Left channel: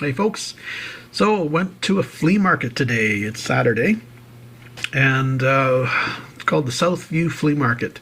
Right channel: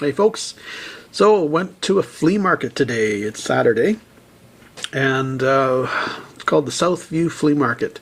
Hey folks, so went to a flea market today. It's Saturday, and it's called the Southview Flea Market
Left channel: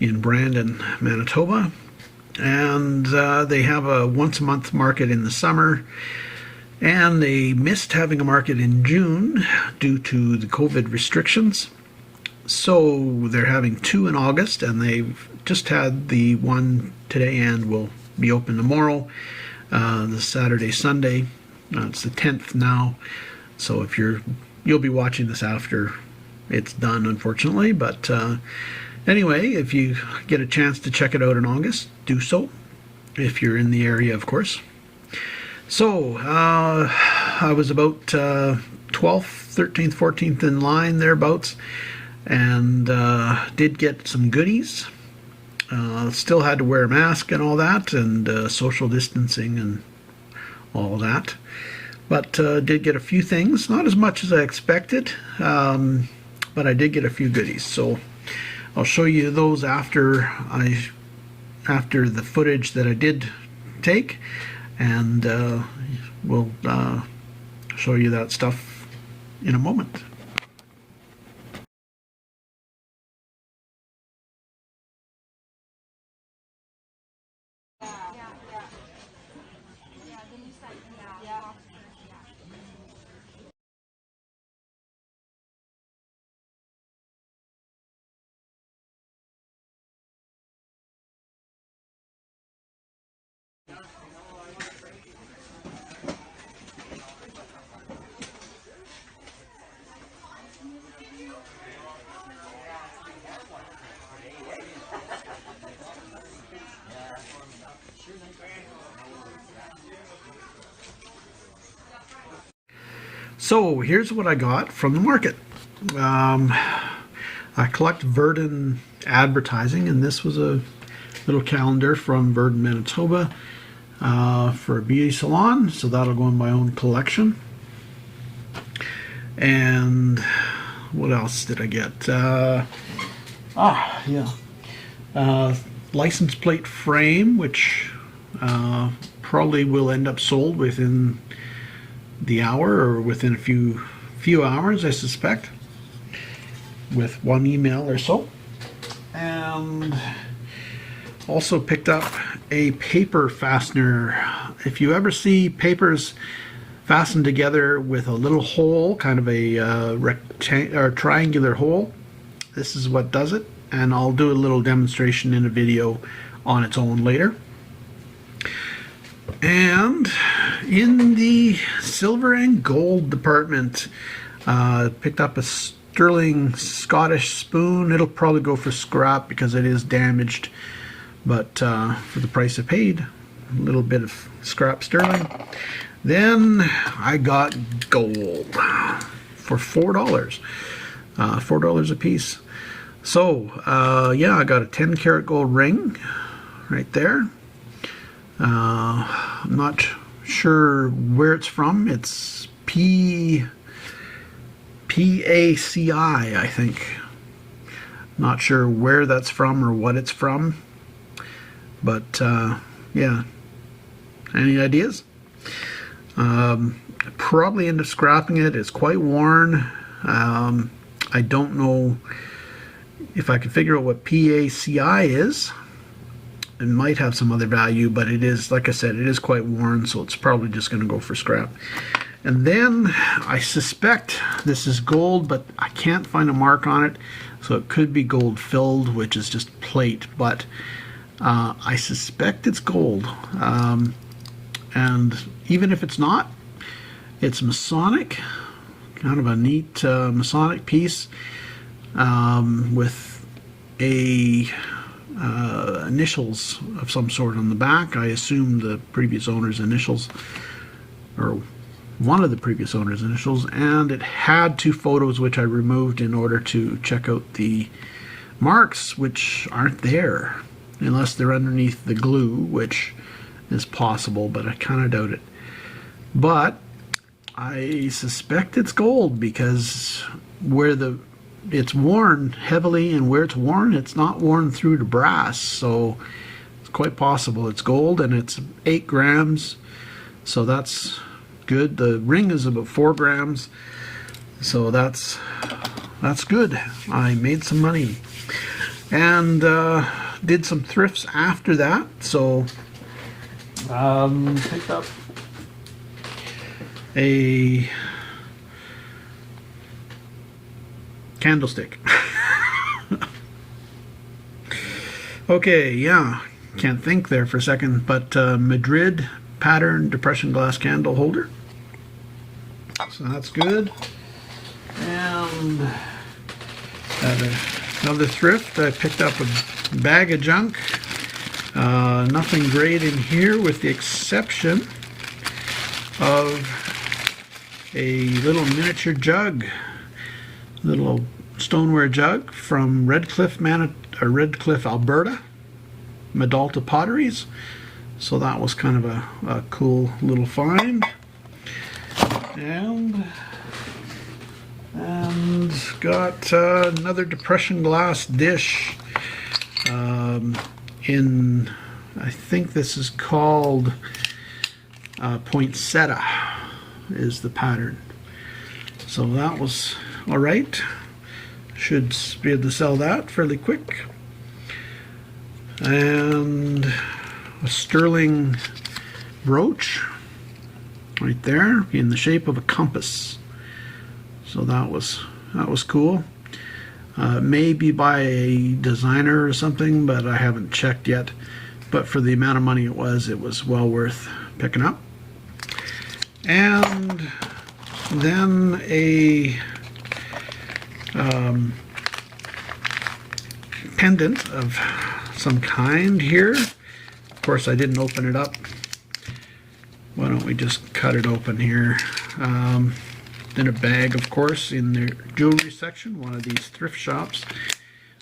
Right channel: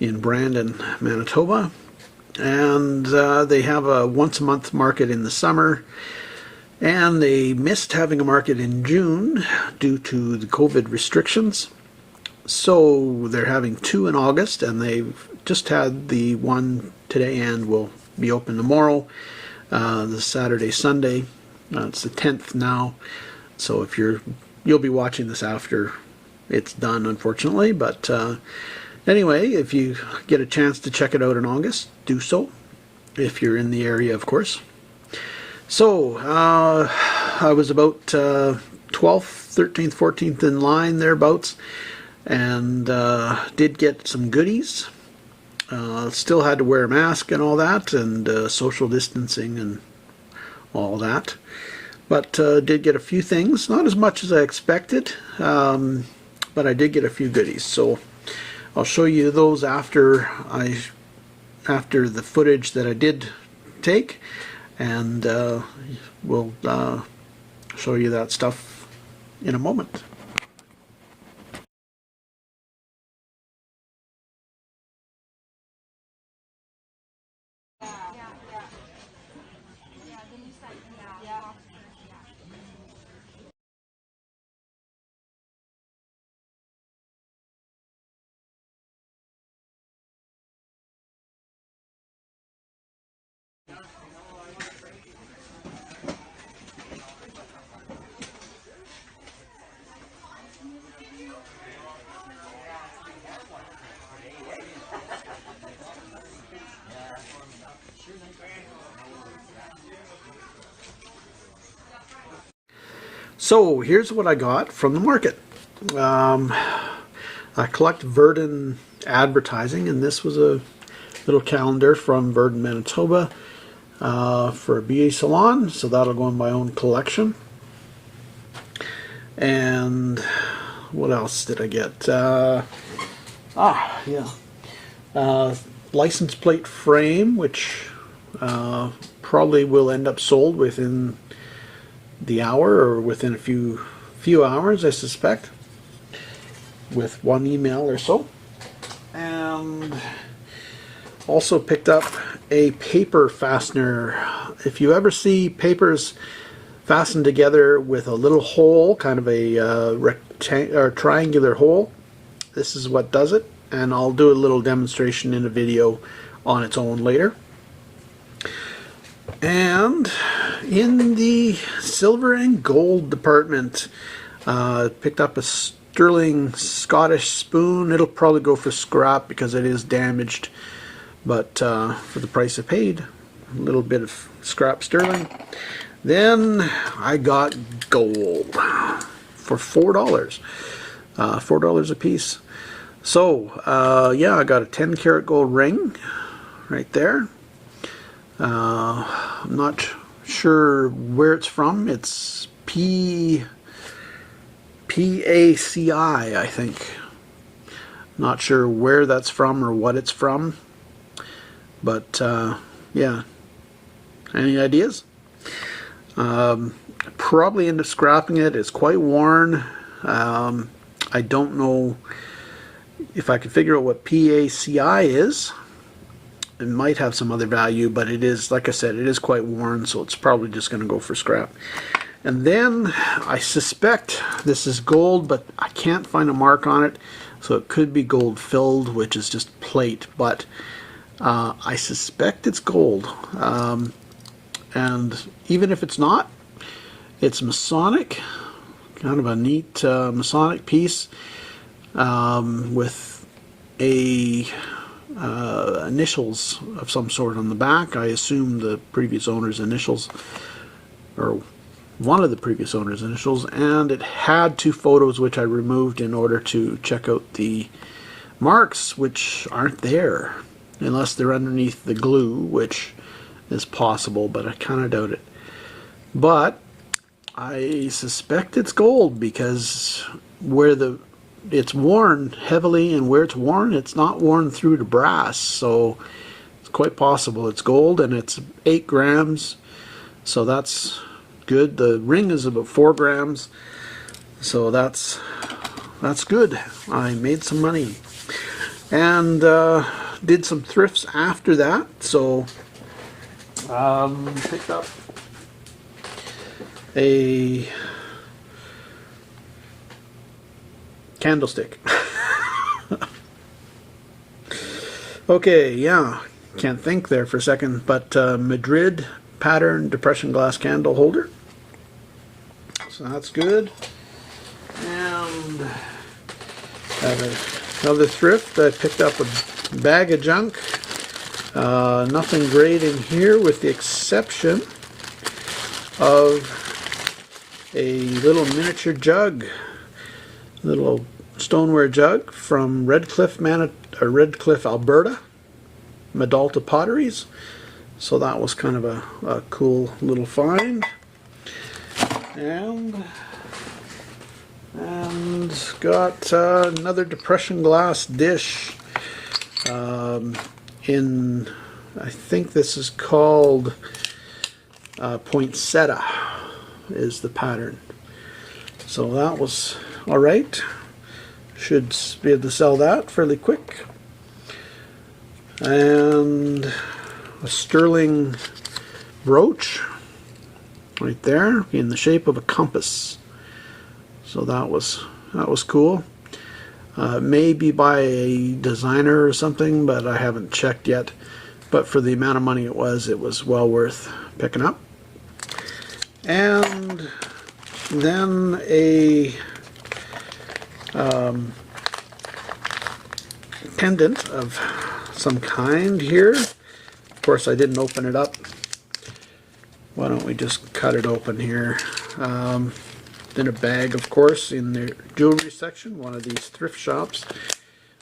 in Brandon, Manitoba. And they have a once a month market in the summer, and they missed having a market in June due to the COVID restrictions. So they're having two in August, and they've just had the one today and will be open tomorrow, the Saturday, Sunday. It's the 10th now, so if you'll be watching this after it's done, unfortunately. But anyway, if you get a chance to check it out in August, do so. If you're in the area, of course. So I was about 12th, 13th, 14th in line thereabouts, and did get some goodies. Still had to wear a mask and all that, and social distancing and all that. But did get a few things, not as much as I expected, but I did get a few goodies. So I'll show you those after the footage that I did take, and we'll show you that stuff in a moment. So here's what I got from the market. I collect Verdon advertising, and this was a little calendar from Verdon, Manitoba, for a beauty salon. So that'll go in my own collection. And what else did I get? License plate frame, which probably will end up sold within the hour or within a few hours, I suspect, with one email or so. And also picked up a paper fastener. If you ever see papers fastened together with a little hole, kind of a triangular hole, this is what does it, and I'll do a little demonstration in a video on its own later. And in the silver and gold department, picked up a sterling Scottish spoon. It'll probably go for scrap because it is damaged, but for the price I paid, a little bit of scrap sterling. Then I got gold for $4, $4 a piece. So yeah, I got a 10 karat gold ring right there. I'm not sure where it's from. It's PACI, I think. Not sure where that's from or what it's from. But yeah, any ideas? Probably end up scrapping it. It's quite worn. I don't know if I can figure out what PACI is. It might have some other value, but it is, like I said, it is quite worn, so it's probably just going to go for scrap. And then I suspect this is gold, but I can't find a mark on it, so it could be gold filled, which is just plate, but I suspect it's gold. And even if it's not, it's Masonic, kind of a neat Masonic piece, with a initials of some sort on the back. I assume the previous owner's initials, or one of the previous owner's initials, and it had two photos which I removed in order to check out the marks, which aren't there unless they're underneath the glue, which is possible, but I kind of doubt it. But I suspect it's gold because where it's worn heavily, and where it's worn, it's not worn through to brass, so it's quite possible it's gold, and it's 8 grams, so that's good. The ring is about 4 grams, so that's good. I made some money, and did some thrifts after that. So picked up a candlestick. Okay, yeah, can't think there for a second, but Madrid pattern depression glass candle holder. So that's good. And another thrift. I picked up a bag of junk. Nothing great in here with the exception of a little miniature jug. Little stoneware jug from Redcliffe, Alberta, Medalta Potteries. So that was kind of a cool little find. And got another depression glass dish in, I think this is called poinsettia is the pattern. So that was all right. Should be able to sell that fairly quick. And a sterling brooch right there in the shape of a compass. So that was cool. Maybe by a designer or something, but I haven't checked yet. But for the amount of money it was well worth picking up. And then a pendant of some kind here. Of course, I didn't open it up. Why don't we just cut it open here? In a bag, of course, in the jewelry section, one of these thrift shops,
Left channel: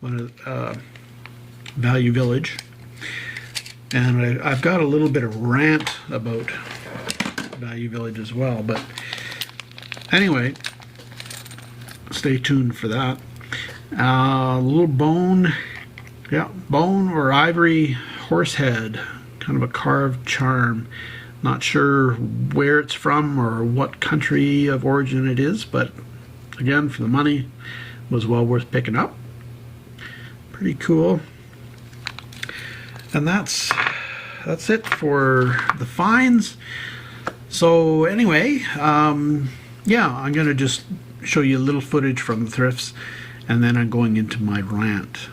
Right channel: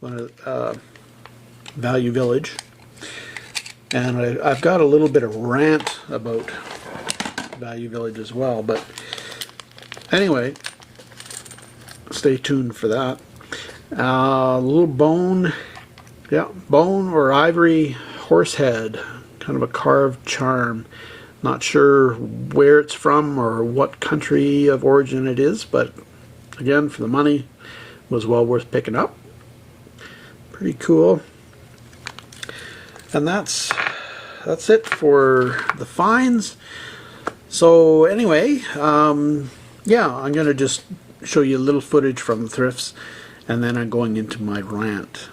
one of Value Village. And I've got a little bit of rant about Value Village as well, but anyway, stay tuned for that. A little bone or ivory horse head, kind of a carved charm. Not sure where it's from or what country of origin it is, but again, for the money, was well worth picking up. Pretty cool. And that's it for the finds. So anyway, yeah, I'm gonna just show you a little footage from the thrifts, and then I'm going into my rant.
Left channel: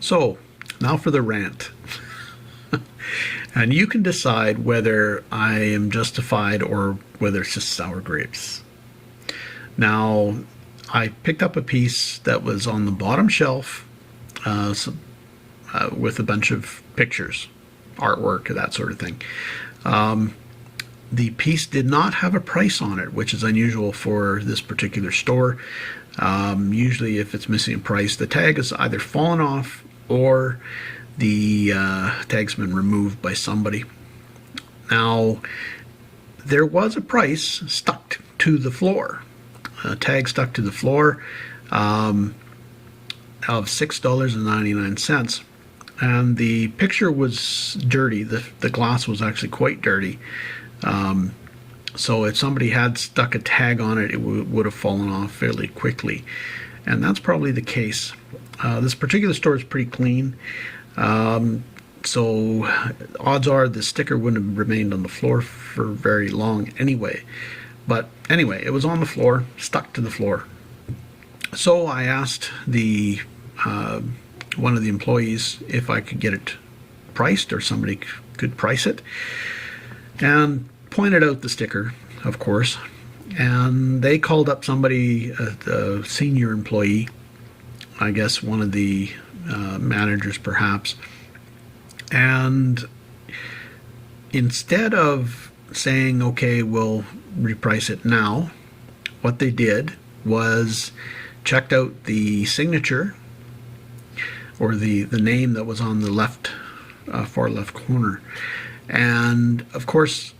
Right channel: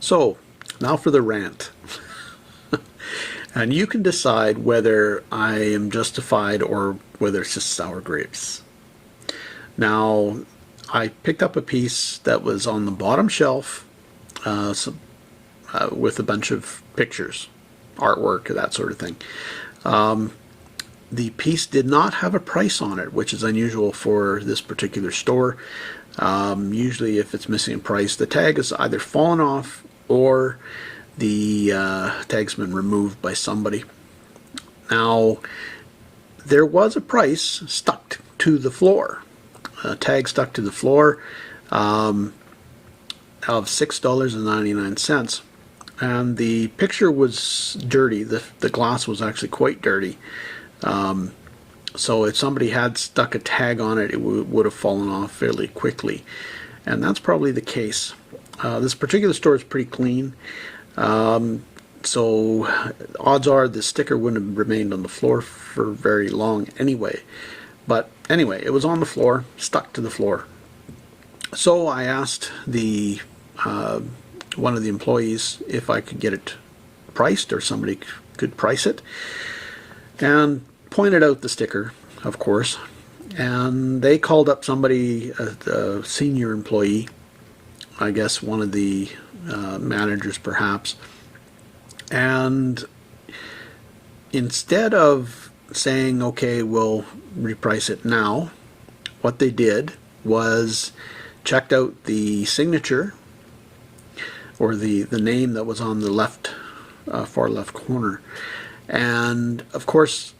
So, now for the rant. And you can decide whether I am justified or whether it's just sour grapes. Now, I picked up a piece that was on the bottom shelf with a bunch of pictures, artwork, that sort of thing. The piece did not have a price on it, which is unusual for this particular store. Usually if it's missing a price, the tag is either fallen off or the tag's been removed by somebody. Now, there was a price stuck to the floor, a tag stuck to the floor of $6.99. And the picture was dirty. The glass was actually quite dirty. So if somebody had stuck a tag on it, it would have fallen off fairly quickly. And that's probably the case. This particular store is pretty clean. So odds are the sticker wouldn't have remained on the floor for very long anyway. But anyway, it was on the floor, stuck to the floor. So I asked the one of the employees if I could get it priced, or somebody could price it, and pointed out the sticker, of course. And they called up somebody, a senior employee, I guess one of the managers perhaps, and instead of saying, okay, we'll reprice it now, what they did was checked out the signature, or the name that was on the left, far left corner, and of course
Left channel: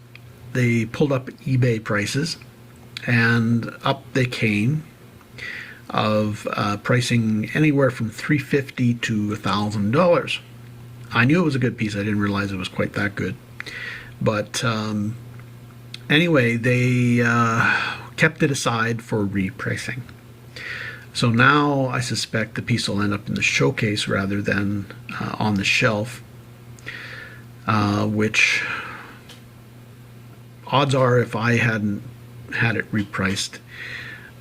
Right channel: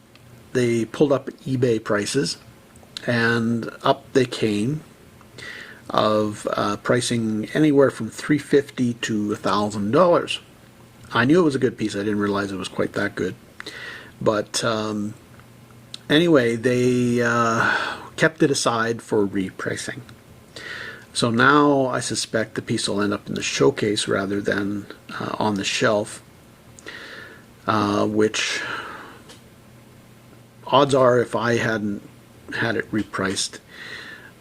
they pulled up eBay prices, and up they came of pricing anywhere from $350 to $1,000. I knew it was a good piece. I didn't realize it was quite that good. But anyway, they kept it aside for repricing. So now I suspect the piece will end up in the showcase rather than on the shelf, which odds are if I hadn't had it repriced,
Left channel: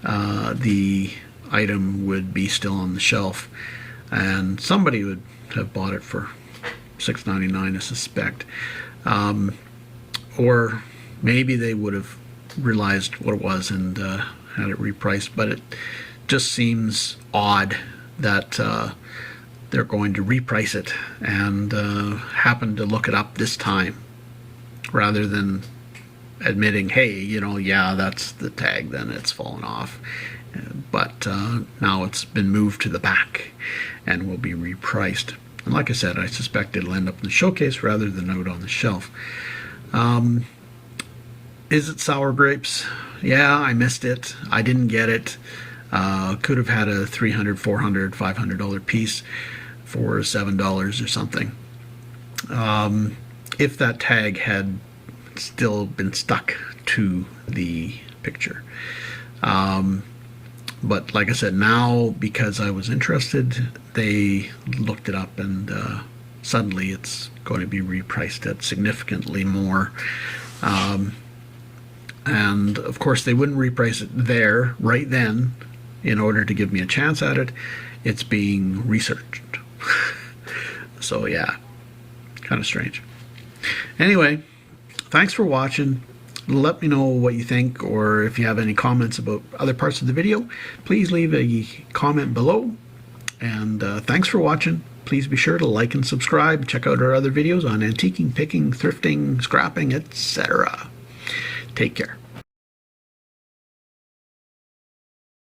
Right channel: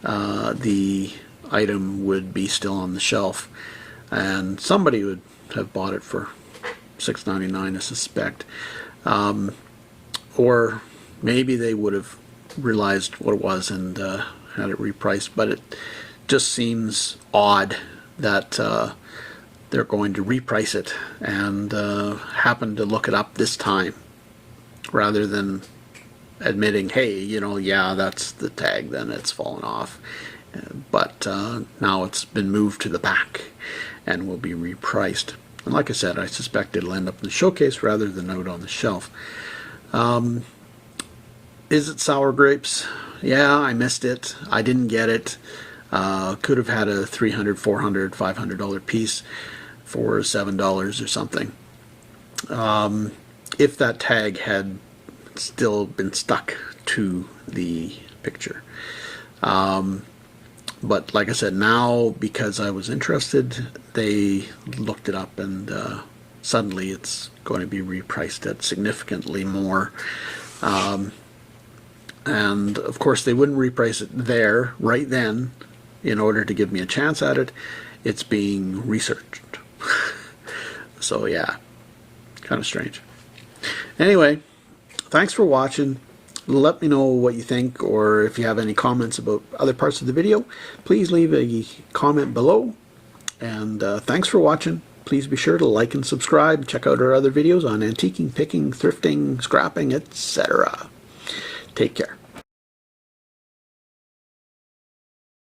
the item would be still on the shelf, and somebody would have bought it for $6.99, I suspect, or maybe they would have realized what it was and had it repriced. But it just seems odd that they're going to reprice it and happen to look it up this time rather than admitting, hey, yeah, that's the tag, then it's fallen off. But now it's been moved to the back and will be repriced. And like I said, I suspect it'll end up in the showcase rather than out on the shelf. Is it sour grapes? Yeah, I missed it. I didn't get it. Could have had a $300, $400, $500 piece for $7 or something. If that tag had still been stuck to the picture. But like I said, now because I was interested, they looked it up, and suddenly it's going to be repriced at significantly more. And of course they wouldn't reprice it there right then in order to give me a chance at it. It's being researched. So yeah, kind of strange. Anyway, thanks for watching. Let me know what you think, or if you have any comments about other parts of the video, please leave a comment below. And thanks for watching. Please be sure to like and subscribe. Check out our other videos on antiquing, picking, thrifting, scrapping, etc. Take care.